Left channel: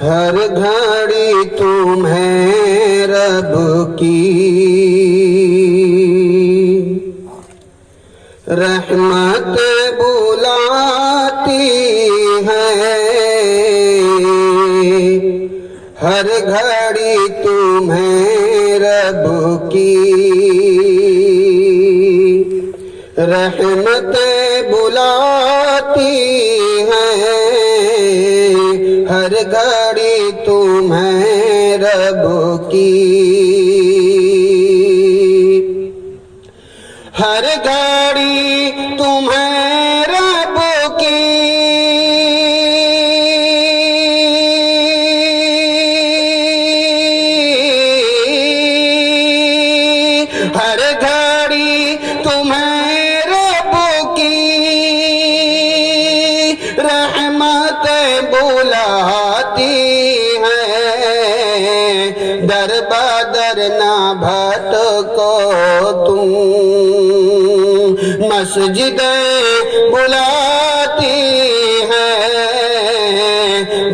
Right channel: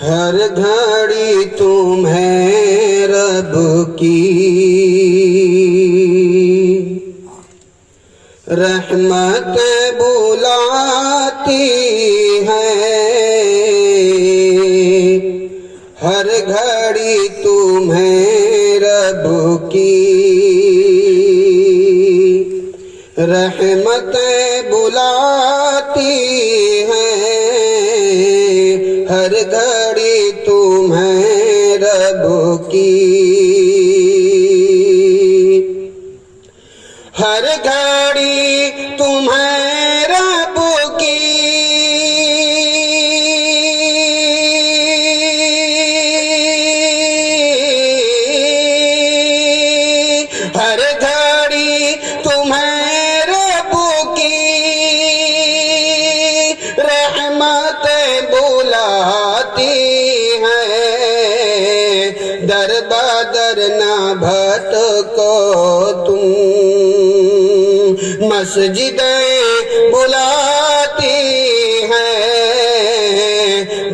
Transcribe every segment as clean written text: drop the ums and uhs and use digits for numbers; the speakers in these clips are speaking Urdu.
ہر گھڑی تمہیں رب کی رحمت بلاتی ہے، ہر گھڑی تمہیں رب کی رحمت بلاتی ہے، ہر گھڑی تمہیں رب کی، ہر گھڑی تمہیں رب کی ہر گھڑی تمہیں رب کی رحمت بلاتی ہے، در بدر نہ بھٹکو تم، مسجدیں بلاتی ہے،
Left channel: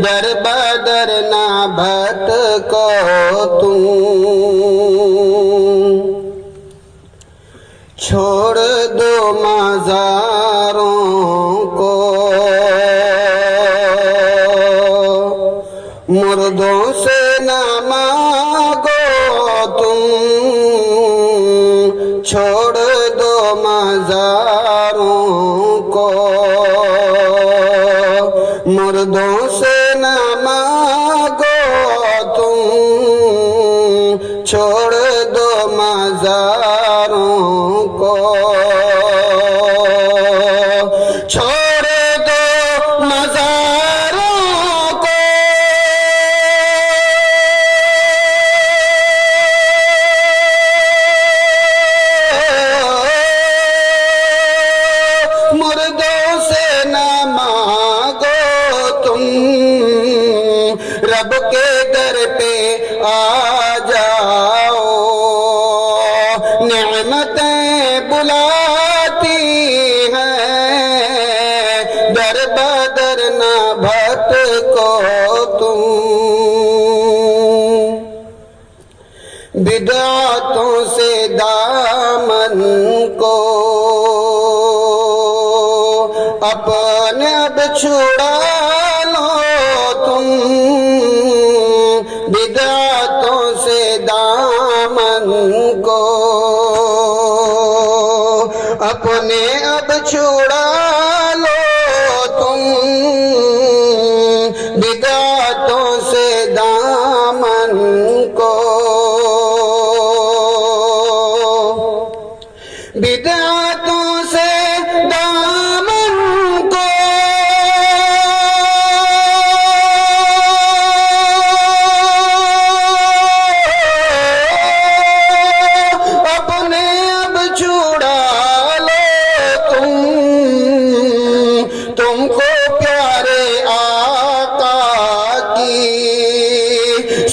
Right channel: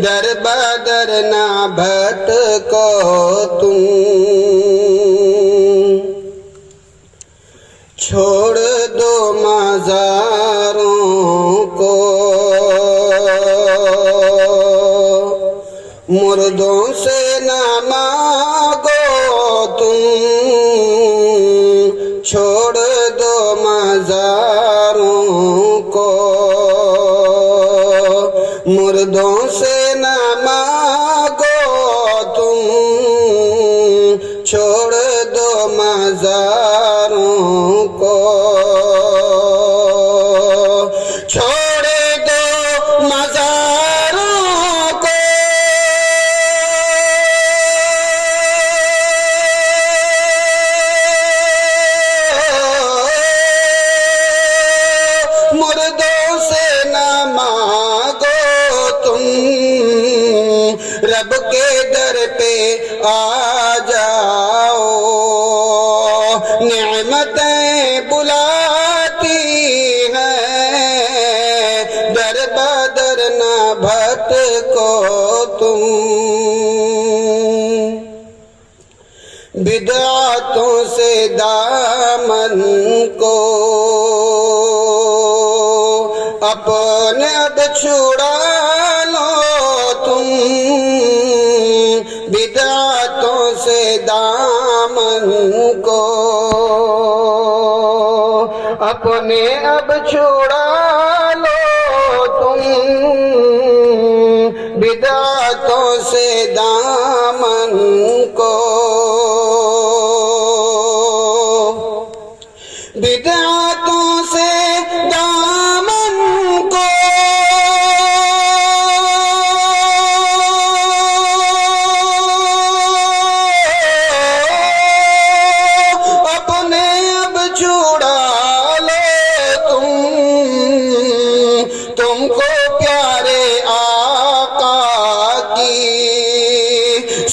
در بدر نہ بھٹکو تم، چھوڑ دو مزاروں کو، مردوں سے نہ مانگو تم، چھوڑ دو مزاروں کو، مردوں سے نہ مانگو تم، چھوڑ دو مزاروں کو، چھوڑ دو مزاروں کو، مردوں سے نہ مانگو تم، رب کے در پہ آ جاؤ، نعمتیں بلاتی ہیں، در بدر نہ بھٹکو تم، بدعتوں سے دامن کو اپنے اب چھڑا لو تم، بدعتوں سے دامن کو اپنے اب چھڑا لو تم، بدعتوں سے دامن کو، بدعتوں سے دامن کو، اپنے اب چھڑا لو تم کو پیارے آقا کی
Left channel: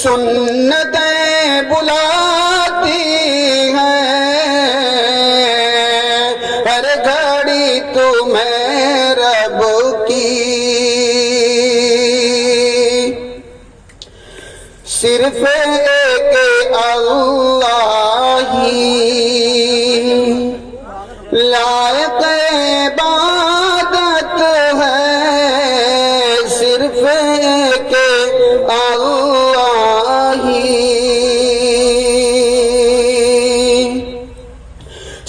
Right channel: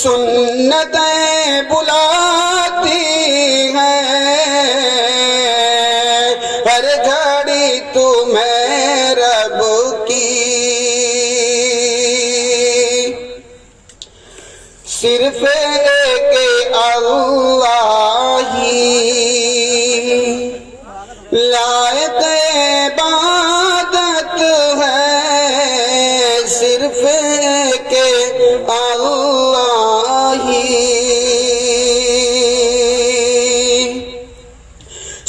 سنتیں بلاتی ہیں، ہر گھڑی تمہیں رب کی صرف ایک اللہ ہی لائق عبادت ہے، صرف ایک اللہ ہی،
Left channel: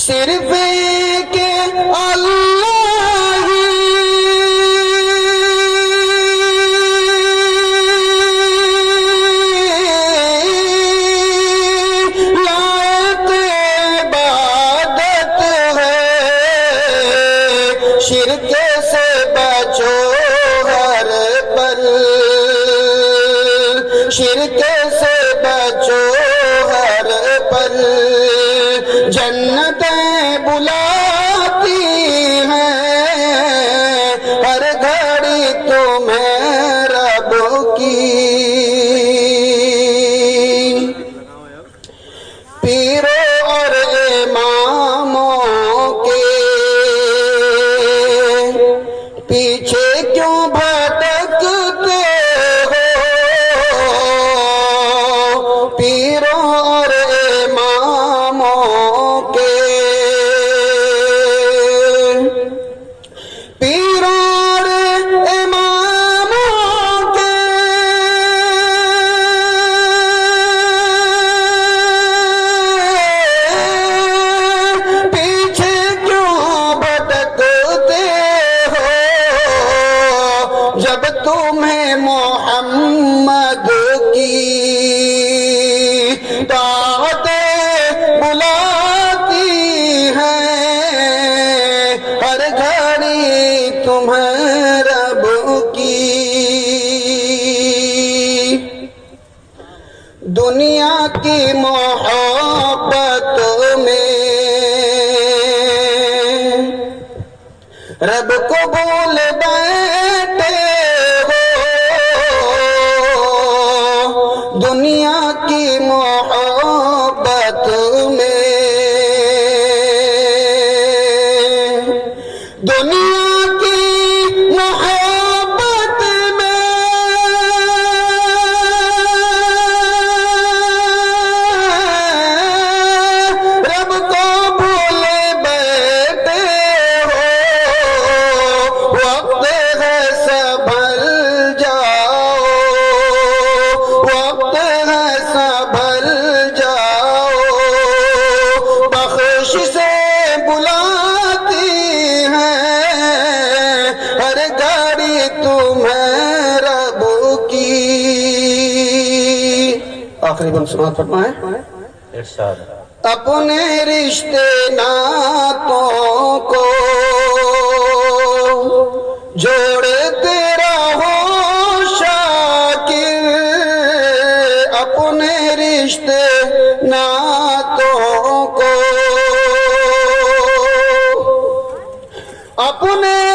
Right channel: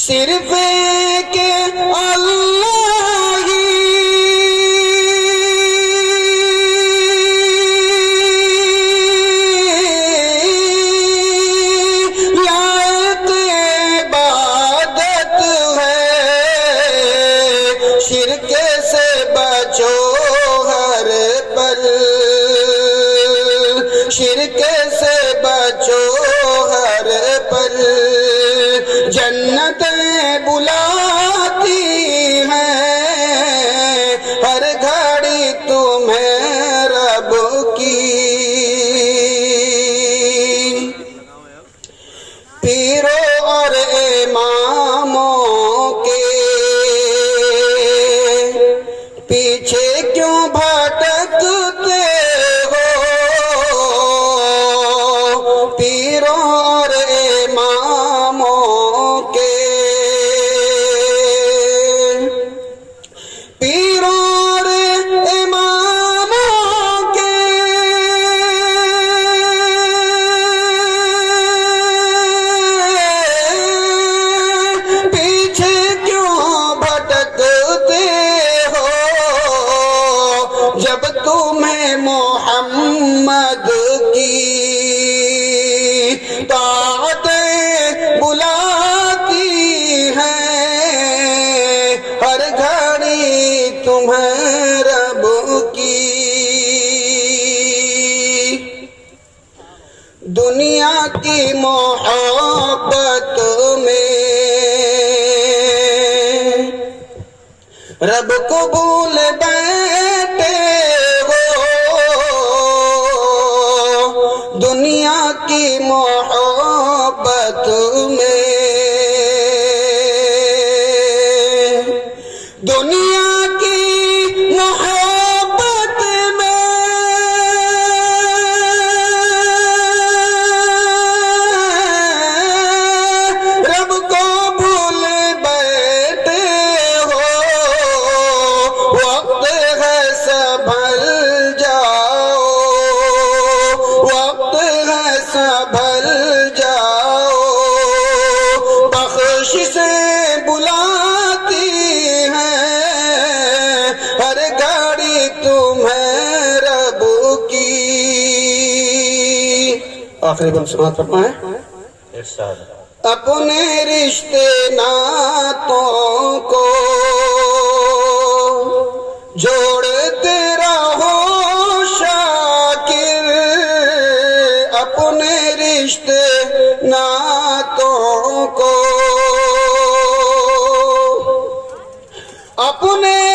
صرف ایک اللہ ہی لائق عبادت ہے، شرک سے بچو ہر پل، شرک سے بچو ہر پل، جنتیں بلاتی ہیں، ہر گھڑی تمہیں رب کی، پیروں اور اماموں کے پیچھے کیوں بھٹکتے ہو، تمہیں محمد کی طاعتیں بلاتی ہیں، ہر گھڑی تمہیں رب کی دنیا کی محبت میں رب کو بھول بیٹھے ہو، دنیا کی محبت میں دنیا کی محبت میں رب کو بھول بیٹھے ہو، وقت ہے سنبھل جاؤ، وقت ہے سنبھل جاؤ، بخش سے بلاتی ہیں، ہر گھڑی تمہیں رب کی۔ آخری بند سماعت فرمائیں۔ ارشاد۔ اپنے رشتے ناتوں کو جوڑتے رہو شاکر، اپنے رشتے ناتوں کو اپنے